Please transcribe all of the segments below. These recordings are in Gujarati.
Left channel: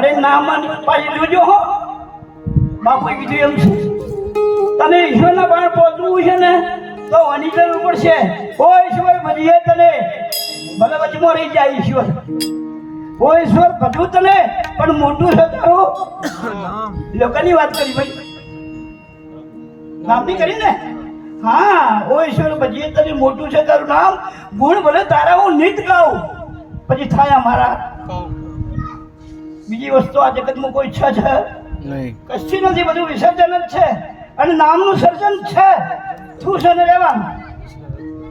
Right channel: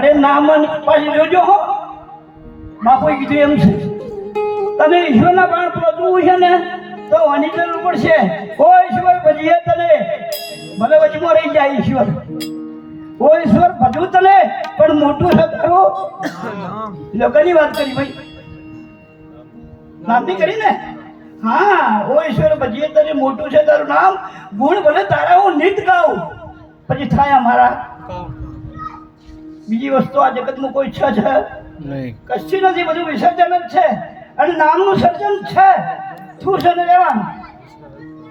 અરે નામ પાછી જોજો હો. બાપુએ કીધું એમ છે. તને ઈશ્વરના બાણ પહોંચવું છે ને, તો આની જરૂર પડશે. ઓ ઈશ્વર ભજીએ તને. ભલે વચમાં રહી જાય ઈશ્વર. ઓ ઈશ્વર ભજવું તને, પણ મોટું છે લોકોની વાત કરી ભાઈ. નામની કરી ને? હા ઓ ઈશ્વર ભજીએ તને, મોટું છે તારું નામ. ગુણ ભલે તારા હું નિત ગાઉં. પછી થાય અમારા. બીજી વસ્તુ આ જગતમાં કોઈ ઈચ્છા છે નહીં. કશી નથી બધું વિસર્જન જ છે. અને નામનું સર્જન છે. શું છે ને રહેવાનું?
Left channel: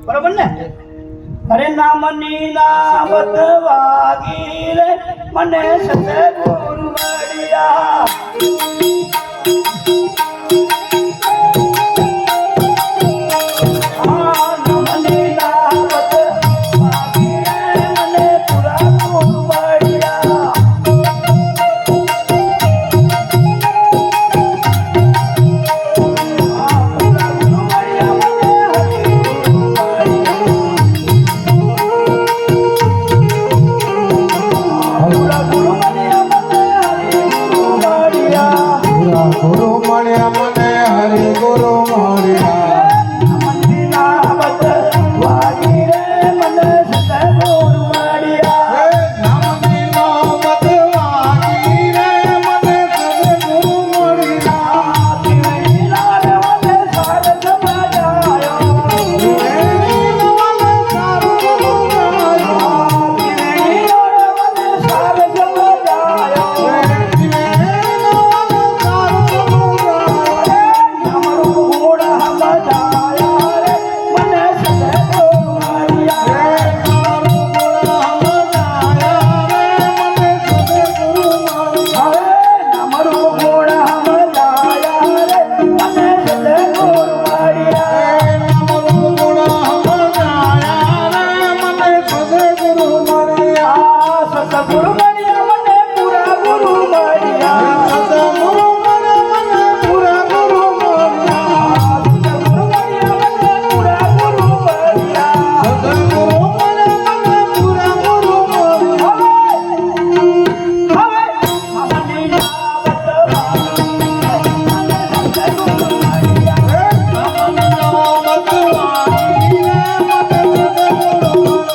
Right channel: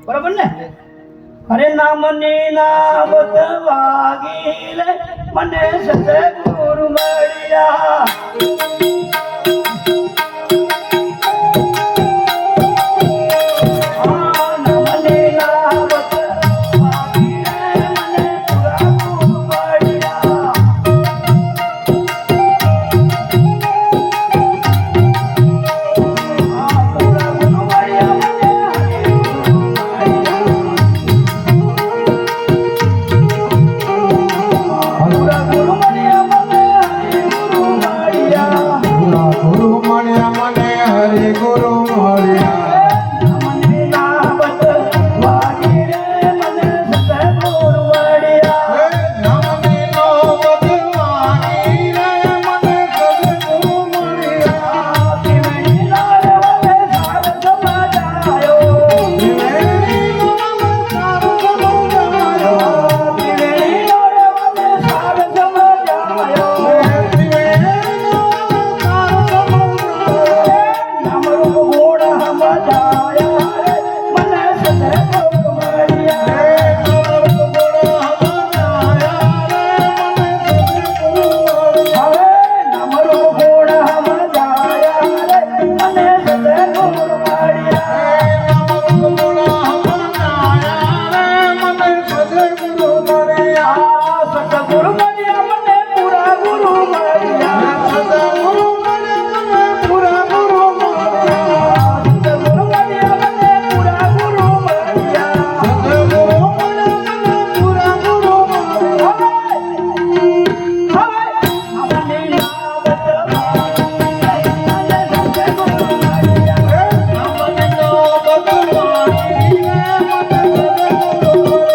બરોબર ને? અરે નામની નામત વાગી રે. મને સતગુરુ મળ્યા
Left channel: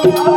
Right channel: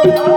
Thank you.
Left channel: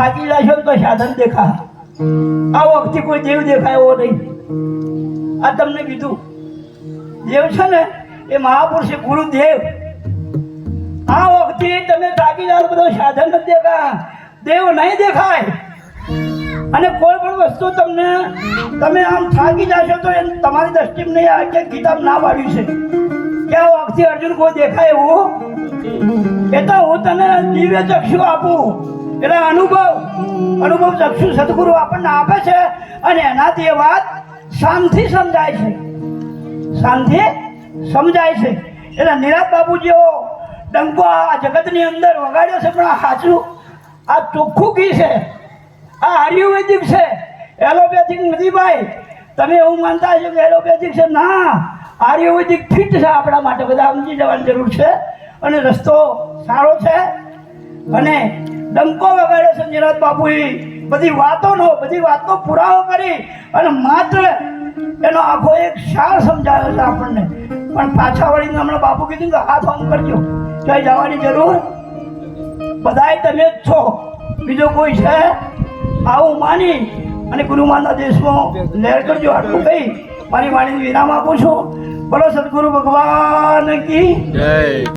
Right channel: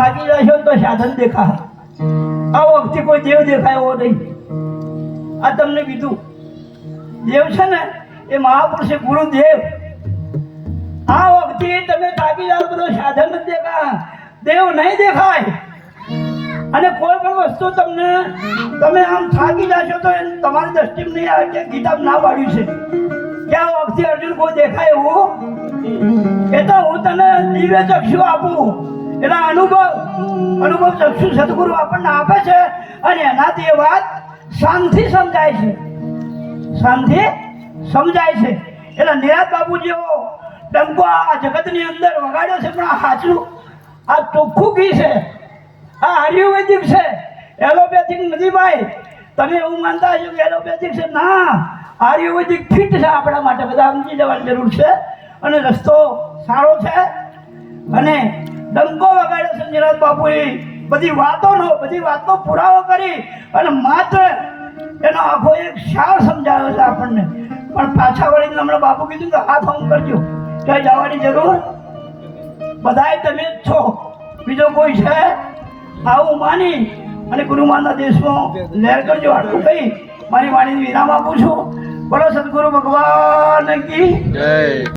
થાકી જશો તો સાધન દેખા આ વખતે કોઈ દેવ દેખાય એવો નહીં. આ તમને કીધું. દેવ છે ને, એ મહાપુરુષ ગુરુદેવ. આ વખતે તમે થાકી જાઓ બધો સાધન નથી દેખા દેવ નહીં દેખાય. અને કોઈ પણ વસ્તુ તમને, તમે આમ થાકી જશો તો એ તમારી દ્રષ્ટિમાં નહીં આવે કે કિતાબ ના પાડ્યું છે. કે આ વખતે અર્જુન કોઈ દેખાય એવું? એ તો હું તને દિવ્ય ચક્ષુ આપું. એટલે અનુભવ અનુભવ ચક્ષુ સદગુરુ આપણને આપે છે અને એનાથી એ વાત શાંતિ સમજાય છે. શાંતિ સમજાય છે. એટલે નિરાત બાબુ જેવો ડંકો આ જગતની અંદર વગાડ્યો છે, પણ આ સાચું આ ચોખ્ખું ઘી છે? આ આયુર્વેદિક છે? એલોપેથિક નથી ભાઈ. તમે એવું માનતા હશો કે એલોપેથિક છે? ના. આયુર્વેદિક ફિટ છે આપણા માટે. બધા સમજી જવાની જરૂર છે. અને રસ્તો સારો છે. અને ડંકો વગાડ્યો છે નિરાજ બાપુએ. બધી વાતોનો બધી વાતનો પુરાવો કરી અને માત્ર એનો આખો એક સાર સમજાયો છે આપણને. પણ પાછા વળીને હમણાં બાપુ કીધું કે હાથ ઓમ કરજો. ક્યાંય જવાની જરૂર? બધાય તમે જ છો. બીજો કોઈ છે? આવું માની અને ગુરુમાનના દેશમાં લહેર કરજો આટલું કહી મારી વાણીને વિરામ આપું છું. બોલો સદગુરુ ભગવાન કી જય.